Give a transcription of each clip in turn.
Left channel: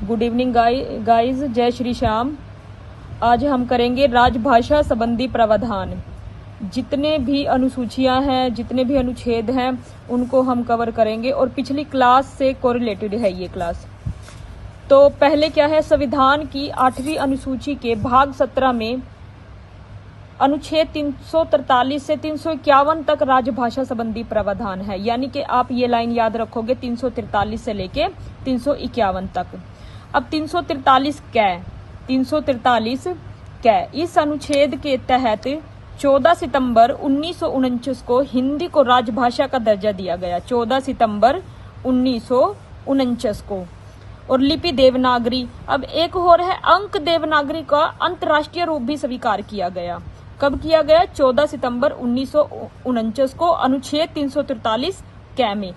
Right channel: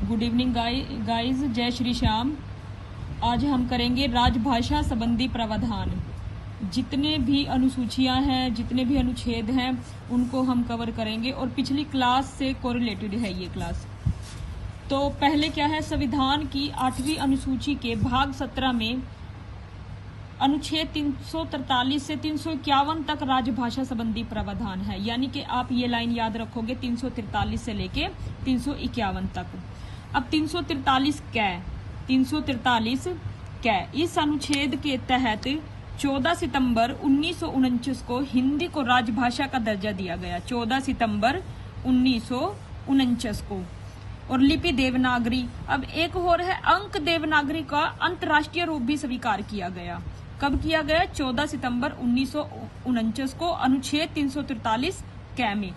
Good evening guys, जय श्री श्याम। आज हम करेंगे राजभाषा संबंधी प्रावधान। जितने भी अनुसूचियां हैं, जितने भी अनुच्छेद हैं, उनको हम कवर करेंगे और पिछली क्लास से कोरिलेटेड है ये क्लास। तो पहले क्या है, संविधान की 8वीं अनुसूची के भाग 17 में अनुच्छेद 343 से 351 तक राजभाषा संबंधी प्रावधान है। यानी कि आप ये लाइन याद रखोगे 343 से लेके 351 तक। अब 343 कै इस अनुच्छेद के तहत 14 सितंबर 1949 को हिंदी को राजभाषा का दर्जा दिया गया। 14 सितंबर 1949 को। और लिपि देवनागरी, अब एक और है अंक देवनागरी का अंतर्राष्ट्रीय रूप भी स्वीकार किया गया। कब किया गया? 14 सितंबर 1949 को, अनुच्छेद 343 कै में।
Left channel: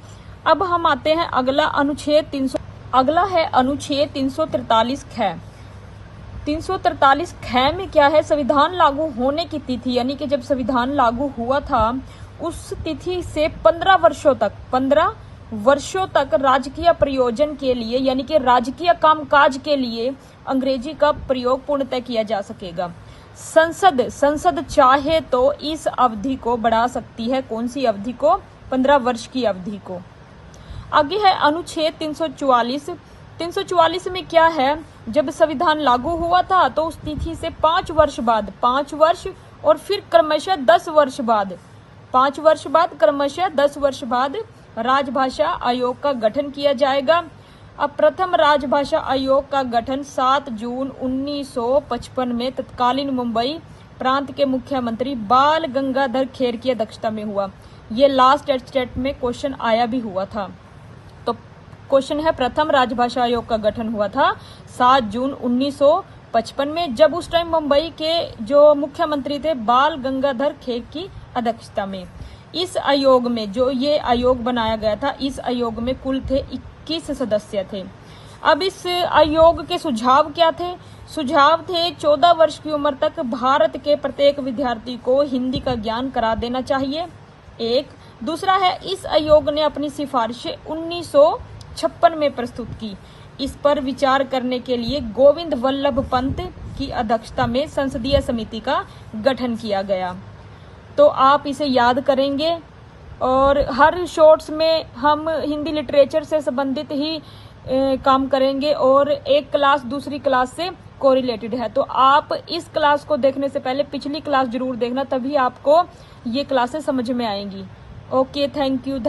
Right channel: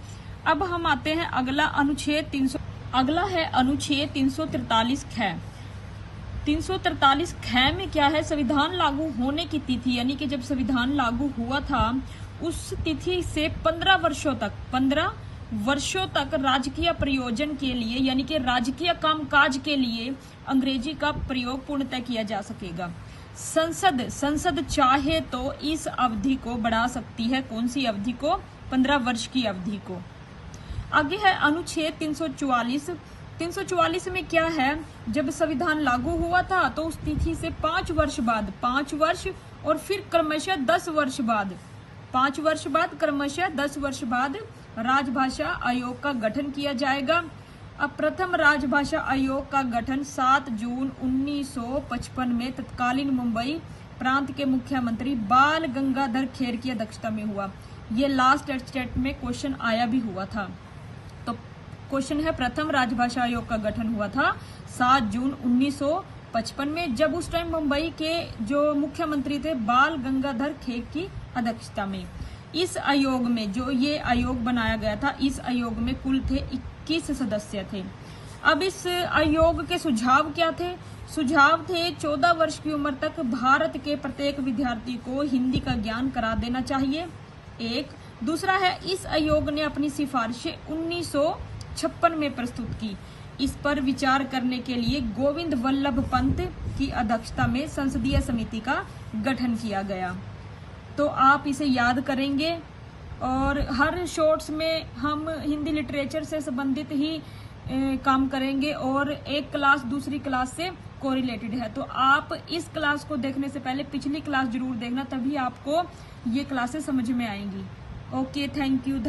अब हम आते हैं अगला है अनुच्छेद 343 ख। 343 ख में क्या है, संविधान लागू होने की तिथि, यानी कि जब संविधान लागू हुआ था उस तिथि से 15 वर्षों तक राजकीय प्रयोजन के लिए, यानी कि राजकीय कामकाज के लिए अंग्रेजी का प्रयोग पूर्णतः किया जा सकेगा। संसद चाहे तो इस अवधि को बढ़ा सकती है। कौन सी अवधि को? 15 वर्ष की अवधि को। आगे है अनुच्छेद 344। 344 में क्या है, जब संविधान लागू हुआ था तो उस तिथि से 5 वर्ष और फिर क्रमशः 10 वर्ष बाद, 5 वर्ष बाद क्रमशः 10 वर्ष बाद राजभाषा आयोग का गठन किया जाएगा। अब प्रथम राजभाषा आयोग का गठन 7 जून 1955 में तत्कालीन मुंबई प्रांत के मुख्यमंत्री बाल गंगाधर खेर की अध्यक्षता में हुआ। ये लास्ट स्टेट में क्वेश्चन आया भी हुआ था। तो क्वेश्चन है, प्रथम राजभाषा आयोग का गठन हुआ था 7 जून 1955 में, जब उस टाइम मुंबई के जो मुख्यमंत्री थे बाल गंगाधर खेर की अध्यक्षता में। इस आयोग में, जो ये आयोग बनाया गया था, इस आयोग में कुल थे 21 सदस्य थे। अब इस आयोग के सुझाव क्या थे? सुझाव थे 14 वर्ष की उम्र तक भारत के प्रत्येक विद्यार्थी को हिंदी का ज्ञान करा देना चाहिए। एक दूसरा है, इस आयोग ने अपनी सिफारिशें 1956 में प्रस्तुत की। इस पर विचार करने के लिए गोविंद वल्लभ पंत की अध्यक्षता में संसदीय समिति का गठन किया गया। तो आप इसे याद करेंगे और हर शॉर्ट्स में हम हिंदी लिटरेचर से संबंधित ही काम करेंगे और एक क्लास दूसरी क्लास से कोरिलेटेड है। तो आप इस क्लास को देखने से पहले पिछली क्लास जरूर देखना, तभी आपको ये क्लासेस समझ में आएंगी। Okay, thank you.